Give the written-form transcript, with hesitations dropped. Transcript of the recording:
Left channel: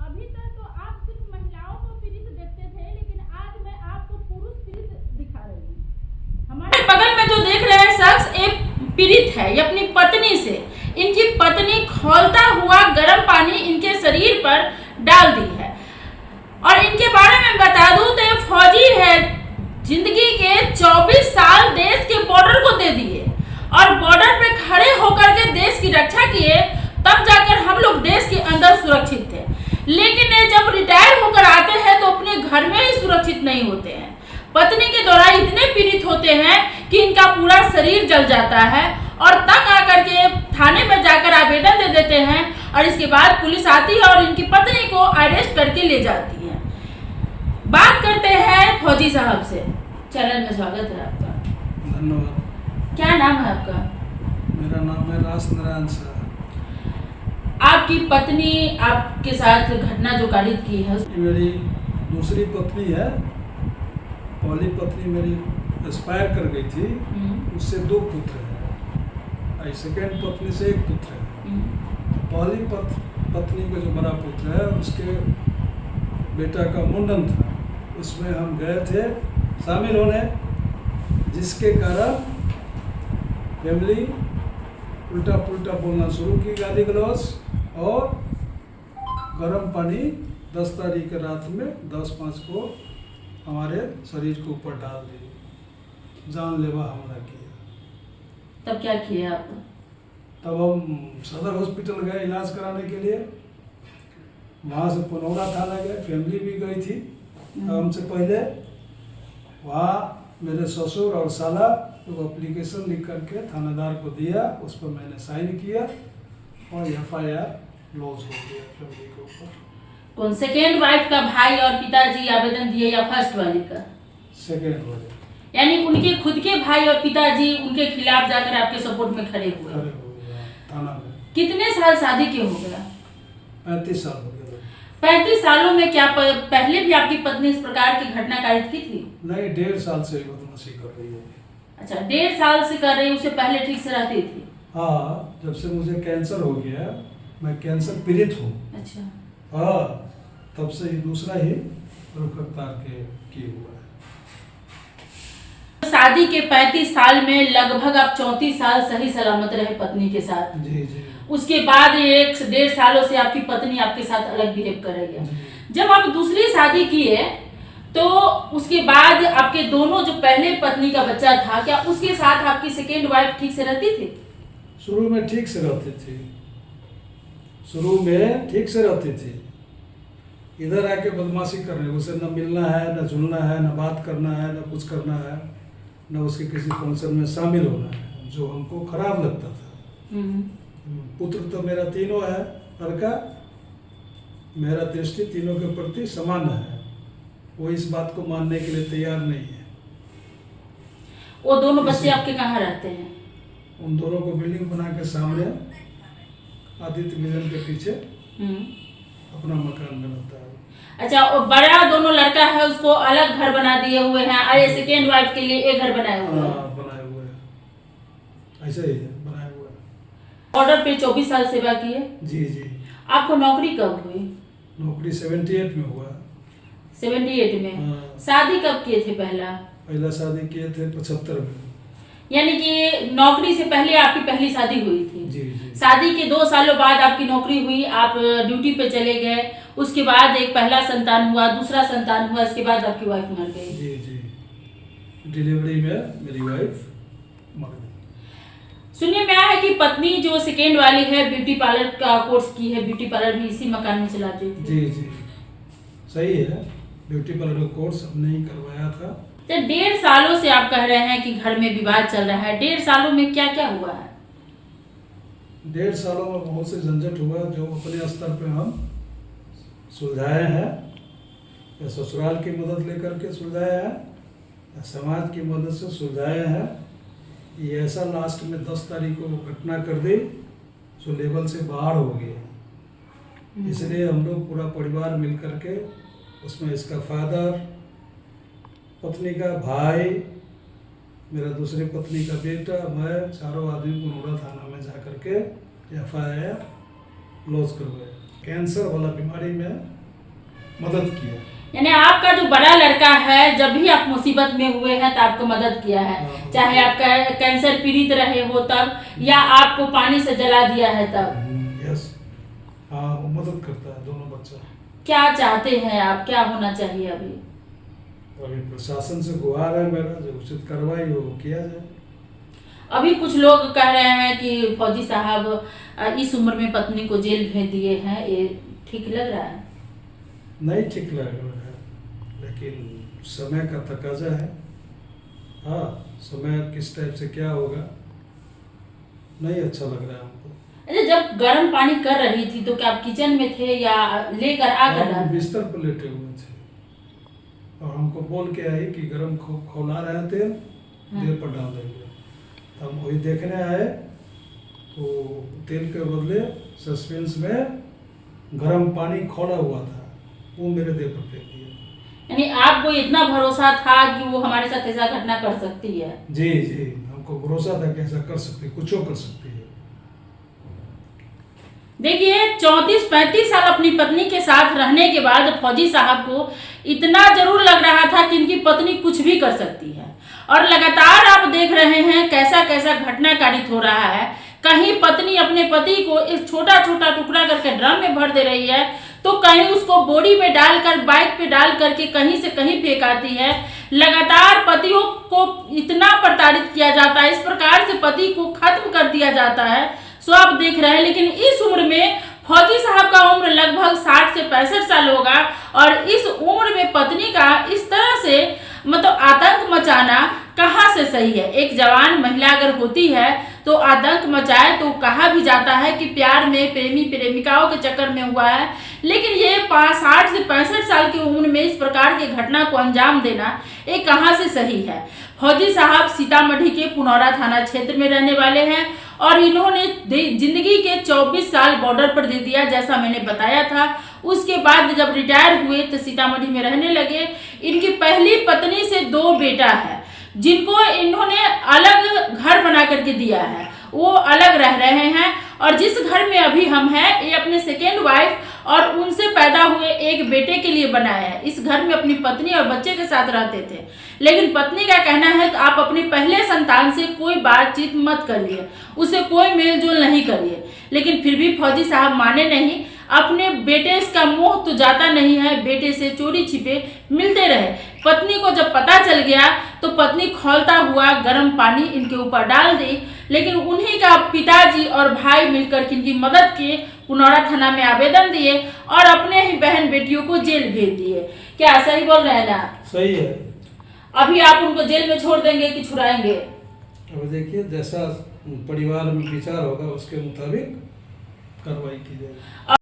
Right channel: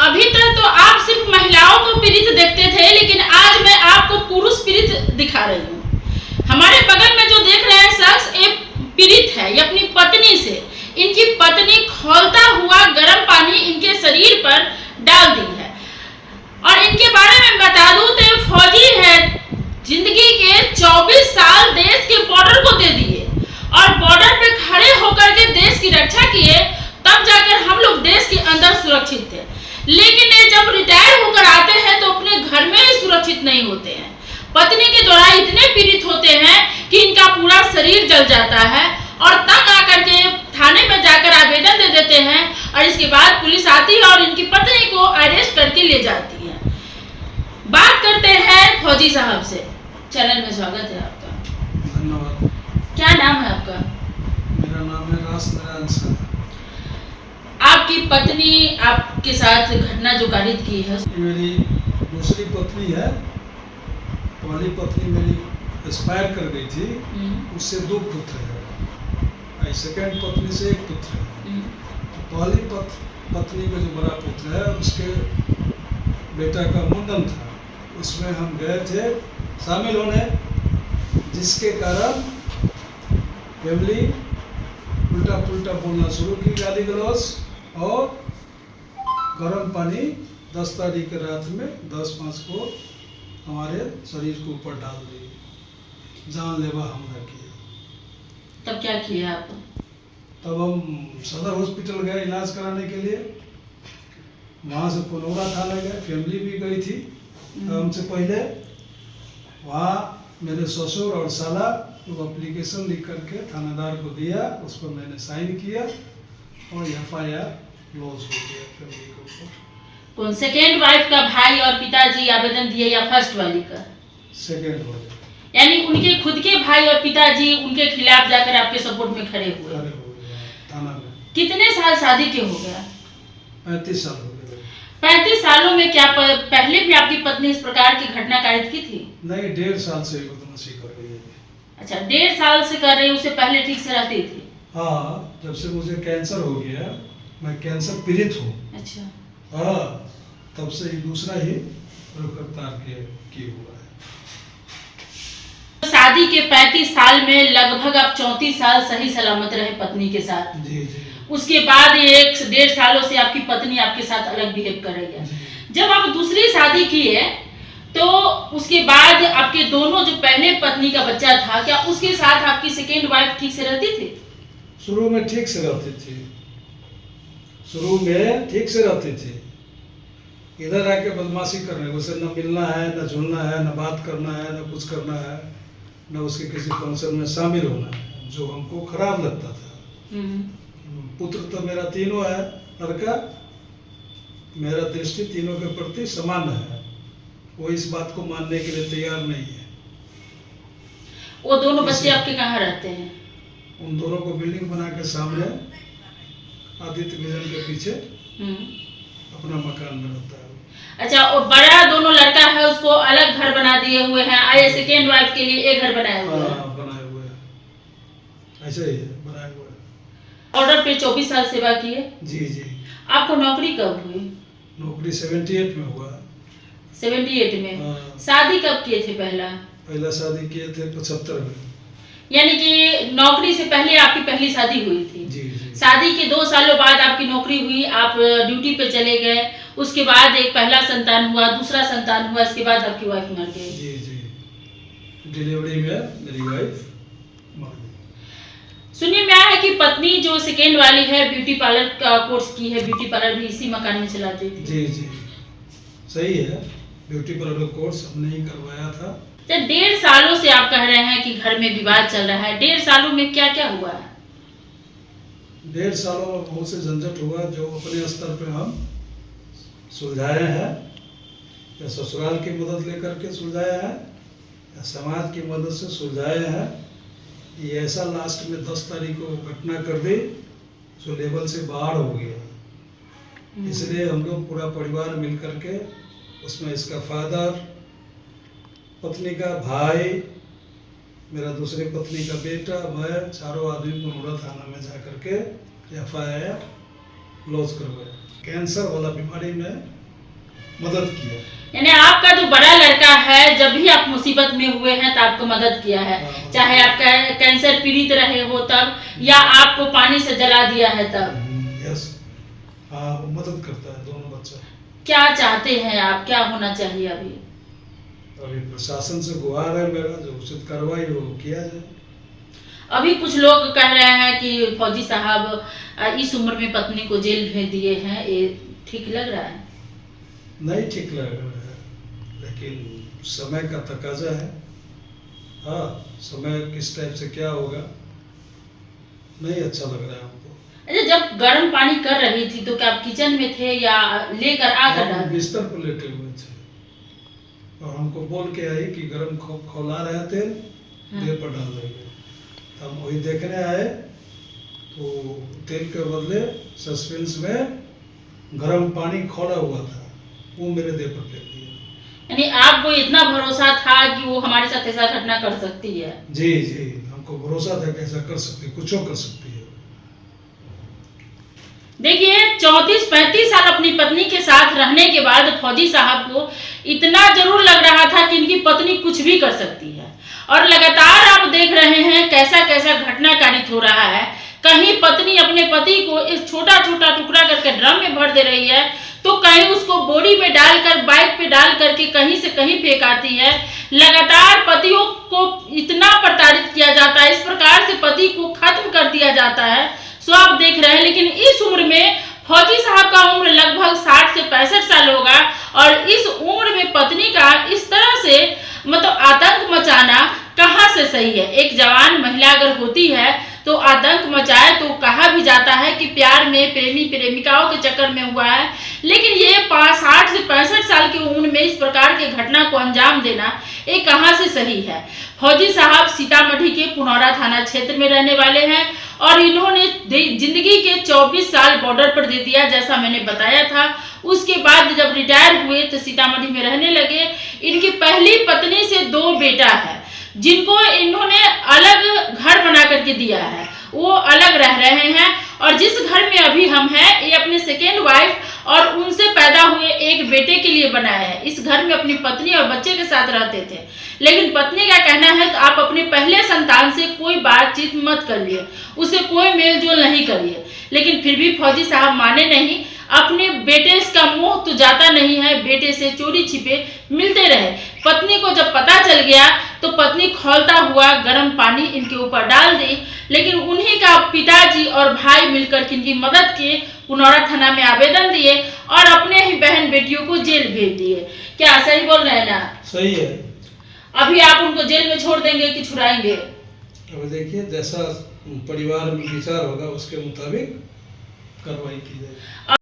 अभी तक तो आप सिर्फ महिलाओं को पीड़ित देखते थे, लेकिन आज मैं आपको पुरुष पीड़ित दिखा रही हूँ। हमारे बगल में जो देख रहे हैं शख्स, एक पीड़ित है। ये अपनी पत्नी से, इनकी पत्नी खौलता हुआ गर्म पानी इनके शरीर पर डाल दी है। और इनके बारे में बता दूं तो ये फौजी है, जिंदगी के 24 साल देश के बॉर्डर को दे दिए और बॉर्डर पे खड़े होकर के देश की रक्षा किए, तब जाकर हम लोग देश के अंदर सुरक्षित थे। लेकिन ये जब रिटायर होकर आते हैं तो अपने घर में ही सुरक्षित नहीं होते हैं। पत्नी के द्वारा इतने पीड़ित होते हैं कि इनका पूरा शरीर जल जाता है और तंग आकर के थाने में जाकर आवेदन दे देते हैं और इसके बाद पुलिस आती है और इनकी पत्नी को अरेस्ट करके ले जाती है। बात करते हैं फौजी साहब से। चैनल में स्वागत है आपका। धन्यवाद। क्या नाम है आपका? मेरा नाम है रास नारायण शाह। आपकी पत्नी आपके साथ घटना जो घटित की है, मेरी दूसरी पत्नी है। पहली पत्नी मेरी एक्सपायर कर गई थी, उससे 2 पुत्र है। सेकेंड पत्नी से 1 पुत्र है। पहली पत्नी का जो बड़ा पुत्र है, उसके बेटा का मुंडन था, उसमें हम गए थे शामिल होने, जिसके कारण फैमिली उल्टा पुल्टा बोलना शुरू की, गाली गलौज और गर्म पानी 10 तारीख के रात में 10-5 को हमारे शरीर के ऊपर डाल दी, जानलेवा हमला किया। तब क्या किया आप? तब हम सदर हॉस्पिटल गए इलाज कराने के लिए। वहाँ से पुनौरा थाना गए, फैमिली भी गई थी हमसे पहले। वहाँ मेरे ससुर और साला तो एप्लीकेशन लिख करके थानेदार को दिया, उस पर मैंने साइन किया और FIR लॉन्च हो गया फैमिली के ऊपर। कौन सेकेंड वाइफ का भाई और पिताजी आवेदन दिए या फर्स्ट वाली का? सेकेंड हो गया। यानी उनके खुद के भाई और पिताजी उनके खिलाफ जाकर आपके सपोर्ट में खड़े हुए थाना में। कितने साल शादी के हो गया? 35 साल हो गए। 35 सालों में क्या पहले भी आपकी पत्नी इस प्रकार की घटना कारित की थी? नहीं, 1.5 साल से बदमाशी कर रही है। अच्छा, 1.5 साल से कर रही, उससे पहले ठीक से रहती थी? हाँ, जब से मुझे कैंसर हो गया, मैं कैंसर पीड़ित हूँ। अच्छा। हाँ, तब से ये दूसरा ही रुख रफ्तार के किए हुआ है। शादी के 35 साल में लगभग आप 34 साल सही सलामत रहे पत्नी के साथ। जी जी। उसके बाद 1-1.5 सालों से आपकी पत्नी आपके साथ अलग बिहेव कर रही है। जब आप दूसरी शादी किए तो उसके बाद आपके दोनों जो पहले पत्नी का बच्चा था, क्या उसके साथ आपकी सेकेंड वाइफ ठीक से रहती थी? शुरू में ठीक से रहती थी, शुरू में ठीक से रहती थी। इधर आके बदमाशी करने, उसे न मिलना है, न जुलना है, न बात करना है, न कुछ करना है, न उसके किसी फंक्शन में शामिल होना है, जो हमको खराब लगता था। पुत्र तो मेरा तीनों है, लड़का, मेरा दृष्टि तीनों के प्रति समान है। वो इस बात को मानने के लिए तैयार नहीं है। वो दोनों बच्चे आपके कहाँ रहते हैं? उन दोनों को बिल्डिंग बना के सामने आदित्य विजन के पीछे अपना मकान में रहता है। अच्छा, और बड़ा दोनों लड़का है उसको अलग घर बना दिए हुए हैं, आए सेकेंड वाइफ के लिए एक घर बनाए हुए हैं? बनाए हुए हैं, ऐसे ही बनाए हुए हैं। ऑर्डर पे 24 साल सेवा किए? जी जी। आपको नौकरी कब हुई? नौकरी 78 में हुआ। 78 में? शादी कब किए थे पहला शादी किए थे 75 में। यानी कि नौकरी से पहले आपकी पहली शादी हुई थी? जी जी। शादी के 2 सालों बाद आपकी नौकरी हुई, आप ड्यूटी पे चले गए, उसके बाद एक पहला संतान हुआ, दूसरा संतान हुआ, इसके बाद आपकी वाइफ मर गई। जी जी। डिलीवरी में मेरी वाइफ मर गई। सुनिए, मैं है कि पत्नी जो सेकेंड वाली है ब्यूटी पार्लर का कोर्स की है, ब्यूटी पार्लर भी इसी मकान में चलाती थी? जी जी, सही है। ब्यूटी पार्लर का कोर्स हमने ही करवाया था। 1.5 सालों से आप कह रहे हैं कि घर में विवाद चल रहा है, 1.5 सालों में क्या क्या हुआ है? 1.5 सालों में बहुत से झंझट हुआ, जो अपने स्तर पे हम सुलझाए हैं, या ससुराल की मदद लेकर के सुलझाए हैं, या समाज की मदद से सुलझाए हैं। ये ऐसा लास्ट में 10 तारीख को घटना कर दी जो लेवल से बाहर हो गया। इसलिए हम लोग पूरा परिवार मिल करके, उसमें इसका फादर, पत्नी का भाई, मेरा दूसरी पत्नी का बेटा, मैं, चारों आदमी पुनौरा थाना में जा करके FIR लॉन्च करवाया। कैंसर वाला बीमारी में मदद किया। यानी आपका जो बड़ा लड़का है, जब भी आप मुसीबत में हुए हैं तो आपको मदद किया है, हाँ। चाहे आप कैंसर पीड़ित रहे हो तब, या आपको पानी से जला दिया है तब। यस, हाँ, वो मदद करता है दोनों बच्चा। क्या चाहते हैं आप, क्या होना चाहिए अभी? अभी प्रशासन से गुहार है मेरा, जो उचित कार्रवाई हो वो किया जाए। अभी कुछ लोग कह रहे हैं कि फौजी साहब इस उम्र में पत्नी को जेल भेज दिए हैं, ये ठीक लग रहा है? नहीं ठीक लग रहा है, लेकिन समय का तकाजा है। हाँ, समय किस टाइप से क्या होगा नहीं अच्छा लग रहा है हमको। अच्छा, जब गर्म पानी कर रही थी तो क्या आप किचन में थे या लेकर आकर? हम बिस्तर पर लेटे हुए थे और हमको बोल के आई कि गर्म खौला रहा है तेल, देर पर डाल देंगे। तो हम वही देखने आए तो तेल के बदले सस्पेंस में गर्म पानी खौला हुआ था, वो मेरे देह पर फेंक दिया। यानी आपको इतना भरोसा था कि वो हमारे साथ ऐसा घटना कर सकती है? जी जी, हमको भरोसा था कि ऐसा कर सकती है, कुछ कर सकती है। देखिए, 34-35 साल अपनी पत्नी के साथ रहने के बाद फौजी साहब को इतना जरूर लग रहा था कि इनकी पत्नी कुछ भी कर सकती है, और लगातार आप देख रहे हैं कैसा कैसा घटना कारित हो रहा है। कहीं पत्नी अपने पति को इस छोटा छोटा टुकड़ा करके ड्रम में भर दे रही है, तो कहीं उसको बोरी में डालकर बाइक पे डाल करके कहीं से कहीं फेंक आती है। लगातार पतियों को इतना प्रताड़ित किया जाता है, इस प्रकार से पति को खत्म कर दिया जाता है, सो आप देख रहे हैं। लेकिन इस उम्र में फौजी साहब का उम्र लगभग 60 से 65 साल होगा, और इस उम्र में पत्नी का इस तरह से मतलब आतंक मचाना कहाँ से सही है? एक जवान महिला अगर होती है तो आतंक मचाए तो कहा भी जाता है कि प्यार में प्रेमी प्रेमिकाओं के चक्कर में हुआ है, लेकिन ये 60 से 65 साल की उम्र में इस प्रकार के घटना को अंजाम देना ये कहाँ से सही है? फौजी साहब सीतामढ़ी के पुनौरा थाना क्षेत्र में रहने वाले हैं, और इन्होंने जिंदगी के 24 साल बॉर्डर पर दे दिया, जैसा मैंने बताया था। उसके बाद जब रिटायर हुए तो सीतामढ़ी में रहने लगे। इनकी पहली पत्नी से 2 बेटा है, जिनको इन्होंने अलग घर बना करके दिया है, वो अलग रह रहे हैं। और जिस घर में अभी हम हैं, ये अपने सेकेंड वाइफ और उनसे पैदा हुए एक बेटे के लिए बनाया है। इस घर में अपनी पत्नी और बच्चे के साथ रहते थे, लेकिन पत्नी का कहना है कि आप अपने पहले संतान से कोई बातचीत मत करिए, उसे कोई मेल जोल नहीं करिए। लेकिन फिर भी फौजी साहब माने नहीं। अपने बेटे का मोह तो जाता नहीं है, बेटे से चोरी छिपे मिलते रहे। पत्नी को जब पता चल गया तो पत्नी खौलता हुआ गर्म पानी इनके ऊपर डाल दी, लेकिन उन्हीं का पिताजी और भाई मिलकर इनकी मदद किए, पुनौरा थाना में आवेदन दिए और अपने ही बहन बेटियों को जेल भेज दिए। क्या सही बोल रहे हैं ना? सही है। अभी आप उनको जेल में छोड़ देंगे कि छुड़ाएंगे? अब देखिए, जैसा परिवार में विचार होगा उसके मुताबिक कार्रवाई की जाएगी।